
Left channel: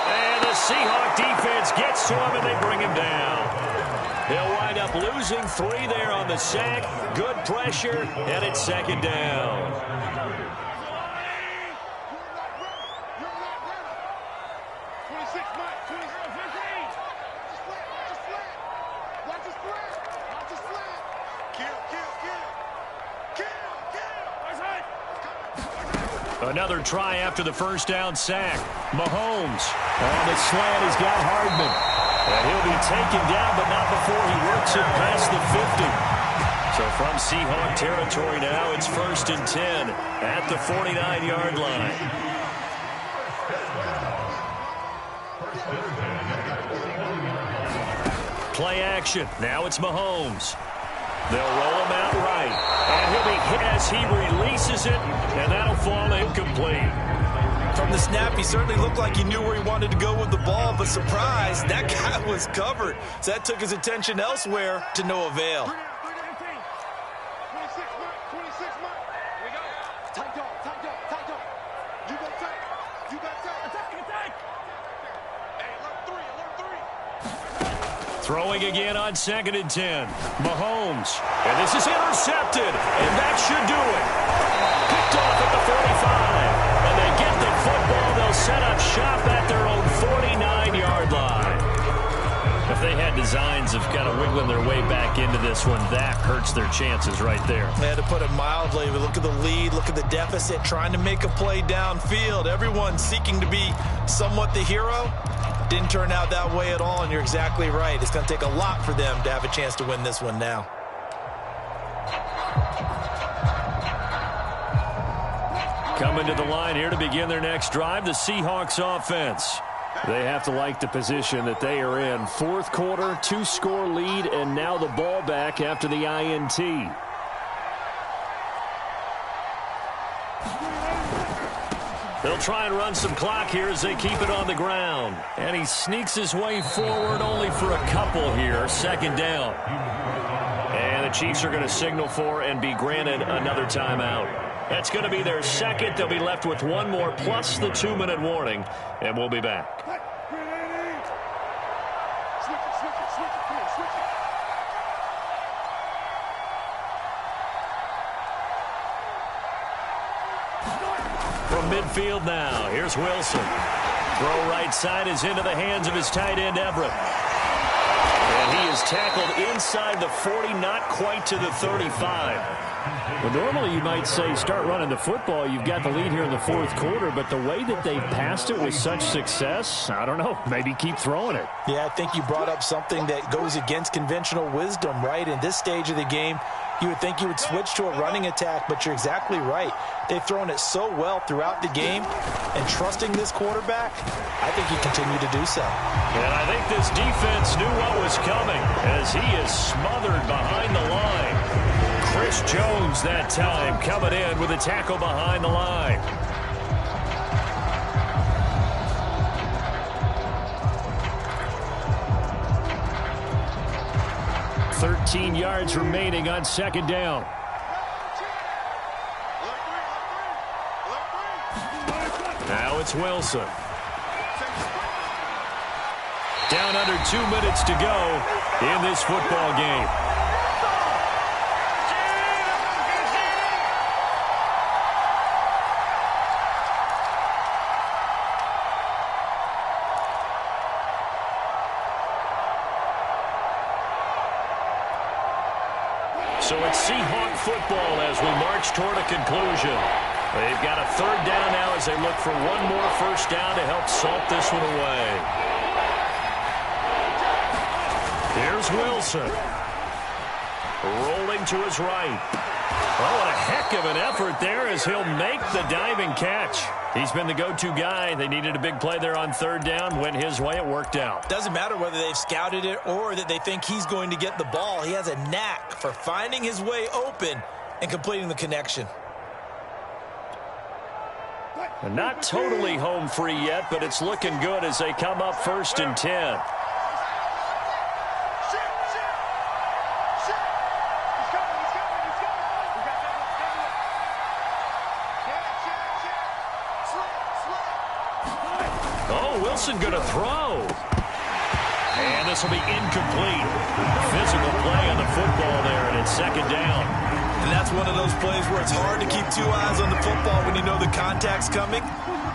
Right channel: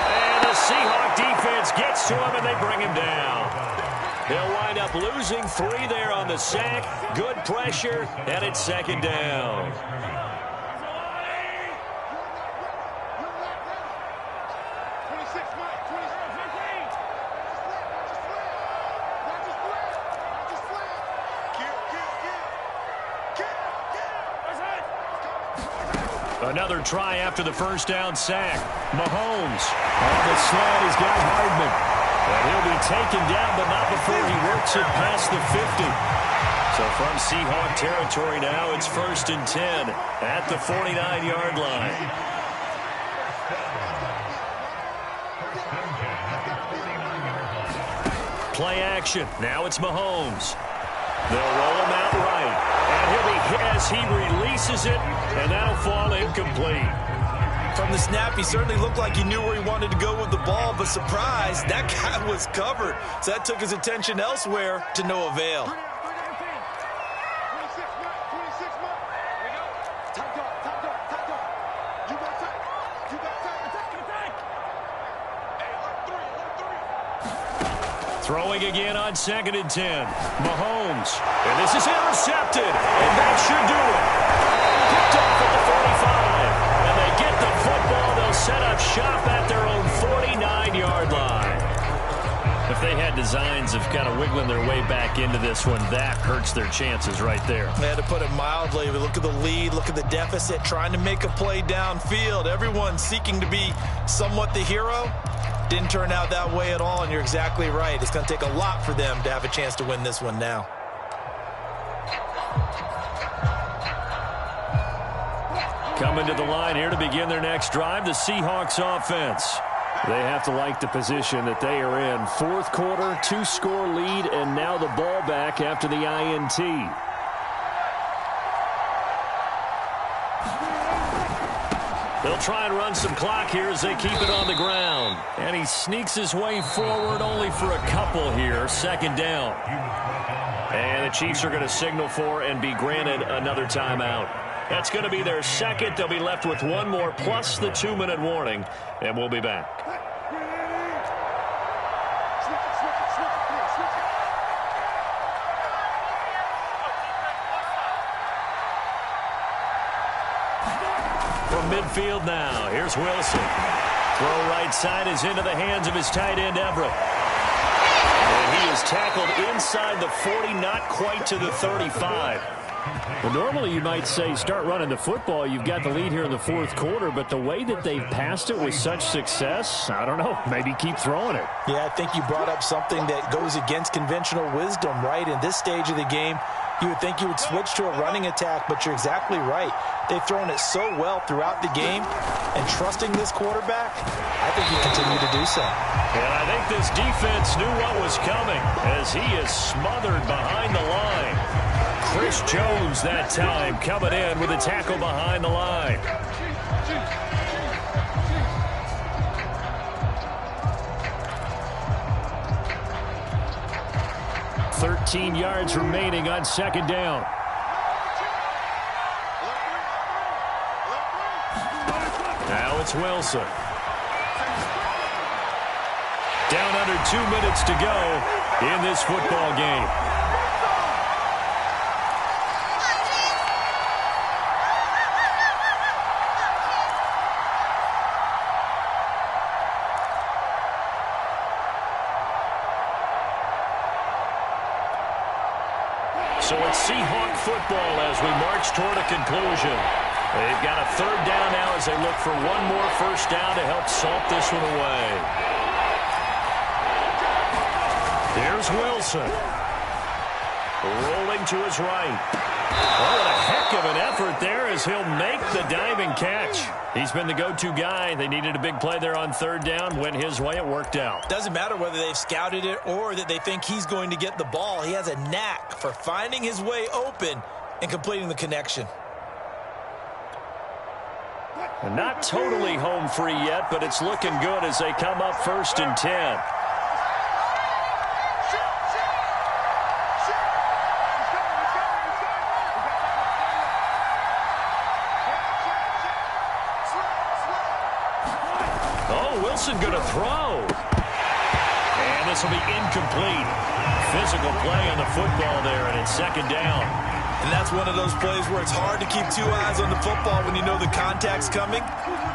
And the Seahawk defense gets to him, and they bring him down. He'll wind up losing 3 there on the sack. Good pressure, and it's 2nd down. Another try after the first down sack. Mahomes on the slant. He's got Hardman. And he'll be taken down, but not before he works it past the 50. So from Seahawk territory now, it's 1st and 10 at the 49-yard line. Play action. Now it's Mahomes. They'll roll him out right. And he'll be hit as he releases it, and that'll fall incomplete. From the snap, he certainly looked like he knew where he wanted to go with the ball, but surprise, that guy was covered. So that took his attention elsewhere to no avail. 26 Mike, 26 Mike. Here we go. Tight dog, tight dog, tight dog. You got tight. You got tight. Attack, attack. Hey, alert 3, alert 3. Throwing again on 2nd and 10. Mahomes. And this is intercepted. And that should do it. Picked off at the 45. And they get the football. They'll set up shop at their own 49-yard line. If they had designs of kind of wiggling their way back into this one, that hurts their chances right there. They had to put it mildly. We look at the lead, look at the deficit, trying to make a play downfield. Everyone seeking to be somewhat the hero. Didn't turn out that way at all, and you're exactly right. It's going to take a lot for them to have a chance to win this one now. Coming to the line here to begin their next drive, the Seahawks offense. They have to like the position that they are in. Fourth quarter, 2-score lead, and now the ball back after the INT. They'll try and run some clock here as they keep it on the ground. And he sneaks his way forward only for a couple here. 2nd down. And the Chiefs are going to signal for and be granted another timeout. That's going to be their second. They'll be left with one more plus the 2-minute warning. And we'll be back. Switch it, switch it, switch it, please, switch it. From midfield now, here's Wilson. Throw right side is into the hands of his tight end, Everett. And he is tackled inside the 40, not quite to the 35. Well, normally you might say start running the football. You've got the lead here in the fourth quarter, but the way that they've passed it with such success, I don't know, maybe keep throwing it. Yeah, I think you brought up something that goes against conventional wisdom, right? In this stage of the game, you would think you would switch to a running attack, but you're exactly right. They've thrown it so well throughout the game, and trusting this quarterback, I think you continue to do so. And I think this defense knew what was coming as he is smothered behind the line. Chris Jones that time coming in with a tackle behind the line. $13 yards remaining on 2nd down. Now it's Wilson. Down under 2 minutes to go in this football game. So it's Seahawk football as we march toward a conclusion. They've got a 3rd down now as they look for one more first down to help salt this one away. Here's Wilson. Rolling to his right. Oh, and a heck of an effort there as he'll make the diving catch. He's been the go-to guy. They needed a big play there on 3rd down. Went his way. It worked out. Doesn't matter whether they've scouted it or that they think he's going to get the ball. He has a knack for finding his way open and completing the connection. And not totally home free yet, but it's looking good as they come up 1st and 10. Wilson going to throw. And this will be incomplete. Physical play on the football there, and it's 2nd down. And that's one of those plays where it's hard to keep 2 eyes on the football when you know the contact's coming,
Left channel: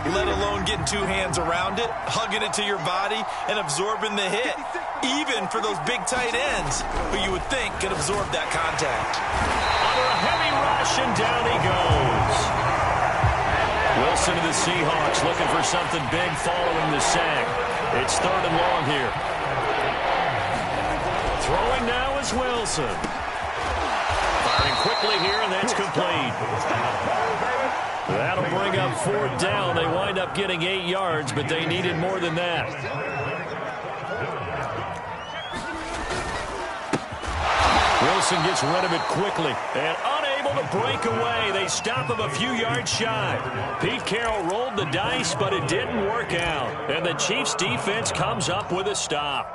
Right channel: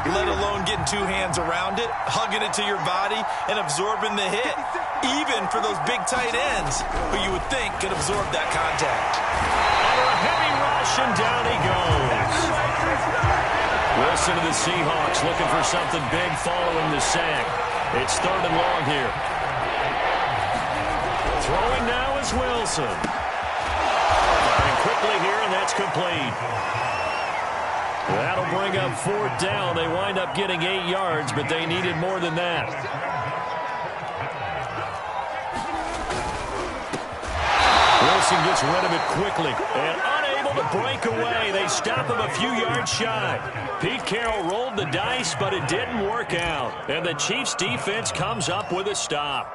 let alone getting 2 hands around it, hugging it to your body, and absorbing the hit, even for those big tight ends who you would think could absorb that contact. Under a heavy rush, and down he goes. Wilson of the Seahawks looking for something big following the sack. It's 3rd and long here. Throwing now is Wilson. Firing quickly here, and that's complete. That'll bring up 4th down. They wind up getting 8 yards, but they needed more than that. Wilson gets rid of it quickly and unable the breakaway. They stop him a few yards shy. Pete Carroll rolled the dice, but it didn't work out. And the Chiefs defense comes up with a stop.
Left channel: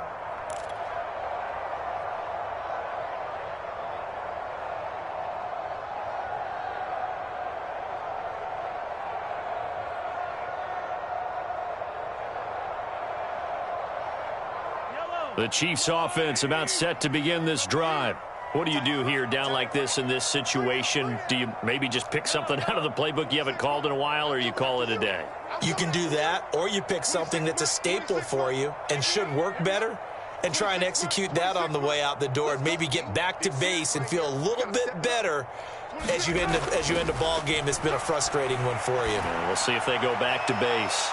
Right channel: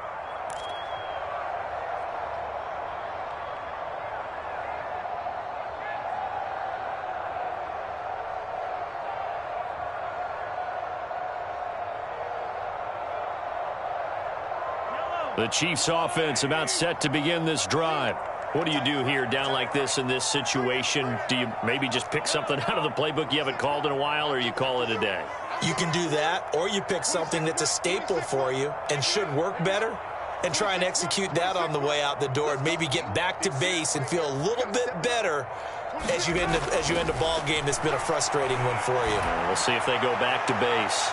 The Chiefs offense about set to begin this drive. What do you do here down like this in this situation? Do you maybe just pick something out of the playbook you haven't called in a while, or you call it a day? You can do that, or you pick something that's a staple for you and should work better and try and execute that on the way out the door and maybe get back to base and feel a little bit better as you end a ball game that's been a frustrating one for you. We'll see if they go back to base.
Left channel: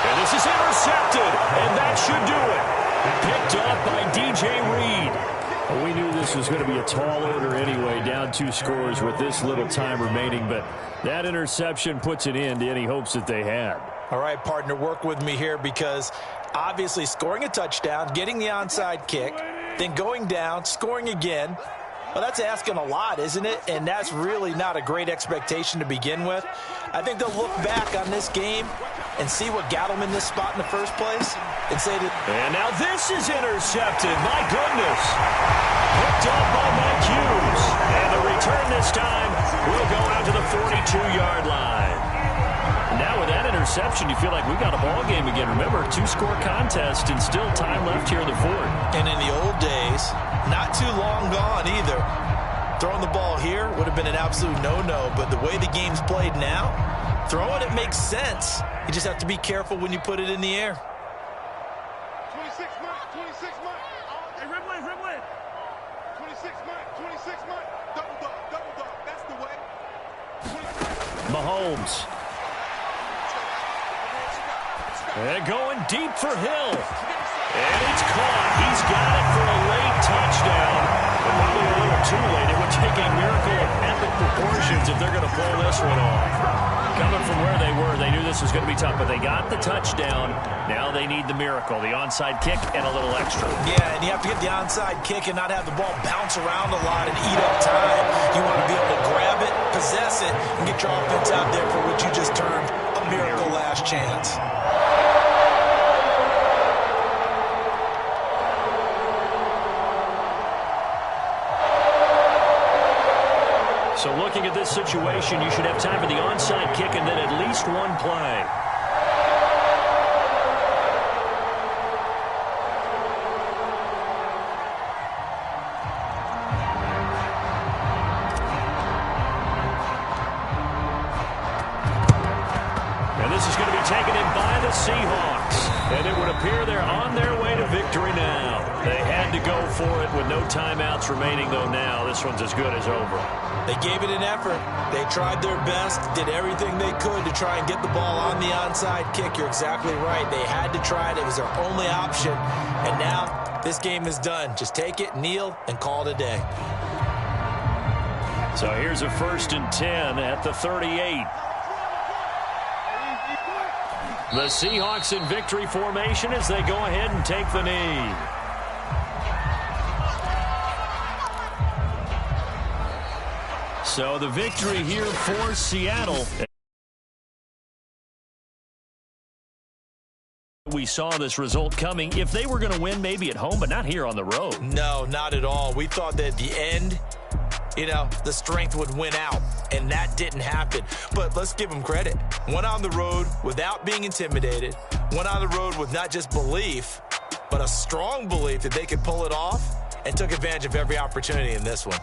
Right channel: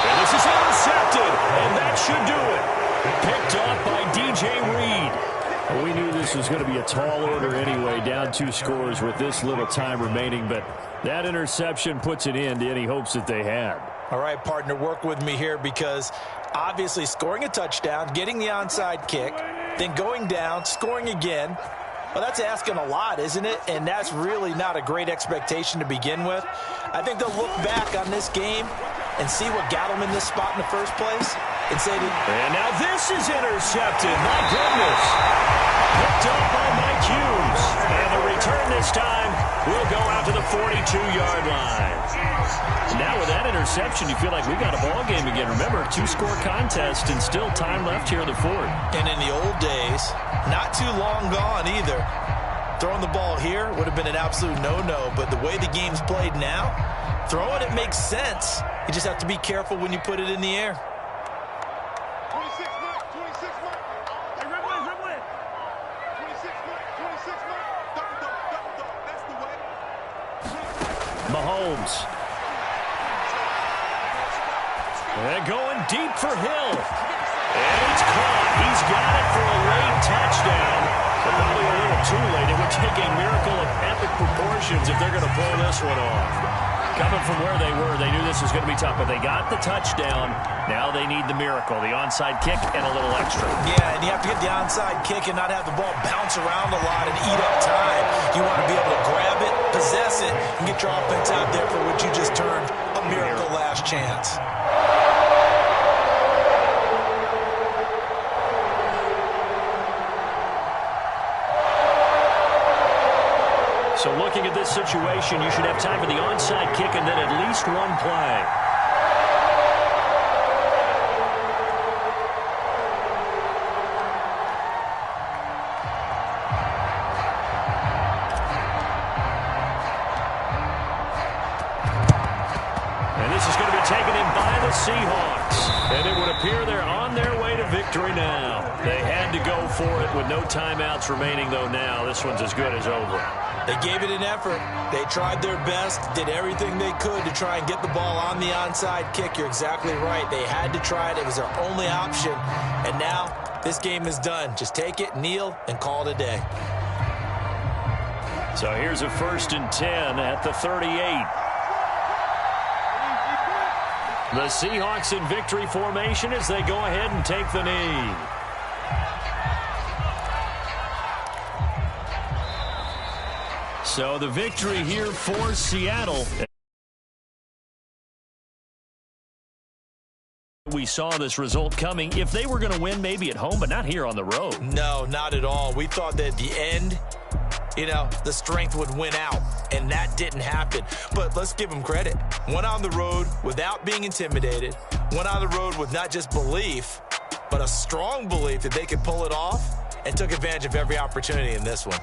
And this is intercepted, and that should do it. Picked off by DJ Reed. Well, we knew this was going to be a tall order anyway, down 2 scores with this little time remaining, but that interception puts an end to any hopes that they had. All right, partner, work with me here because obviously scoring a touchdown, getting the onside kick, then going down, scoring again. Well, that's asking a lot, isn't it? And that's really not a great expectation to begin with. I think they'll look back on this game and see what got them in this spot in the first place and say that. And now this is intercepted. My goodness. Picked up by Mike Hughes. And the return this time will go out to the 42-yard line. Now with that interception, you feel like we got a ball game again. Remember, 2-score contest and still time left here in the fourth. And in the old days, not too long gone either, throwing the ball here would have been an absolute no-no. But the way the game's played now, throwing it makes sense. You just have to be careful when you put it in the air. 26 Mike, 26 Mike. Hey, Ridway, Ridway. 26 Mike, 26 Mike. Double dog, that's the way. Mahomes. And going deep for Hill. And it's caught. He's got it for a late touchdown. But probably a little too late. It would take a miracle of epic proportions if they're going to pull this one off. Coming from where they were, they knew this was going to be tough, but they got the touchdown. Now they need the miracle, the onside kick and a little extra. Yeah, and you have to get the onside kick and not have the ball bounce around a lot and eat up time. You want to be able to grab it, possess it, and get your offense out there for what you just termed a miracle last chance. So looking at this situation, you should have time for the onside kick and then at least one play. And this is going to be taken in by the Seahawks. And it would appear they're on their way to victory now. They had to go for it with no timeouts remaining, though now this one's as good as over. They gave it an effort. They tried their best, did everything they could to try and get the ball on the onside kick. You're exactly right. They had to try it. It was their only option. And now this game is done. Just take it, kneel, and call it a day. So here's a 1st and 10 at the 38. The Seahawks in victory formation as they go ahead and take the knee. So the victory here for Seattle. We saw this result coming. If they were going to win, maybe at home, but not here on the road. No, not at all. We thought that at the end, the strength would win out, and that didn't happen. But let's give them credit. Went on the road without being intimidated. Went on the road with not just belief, but a strong belief that they could pull it off, and took advantage of every opportunity in this one.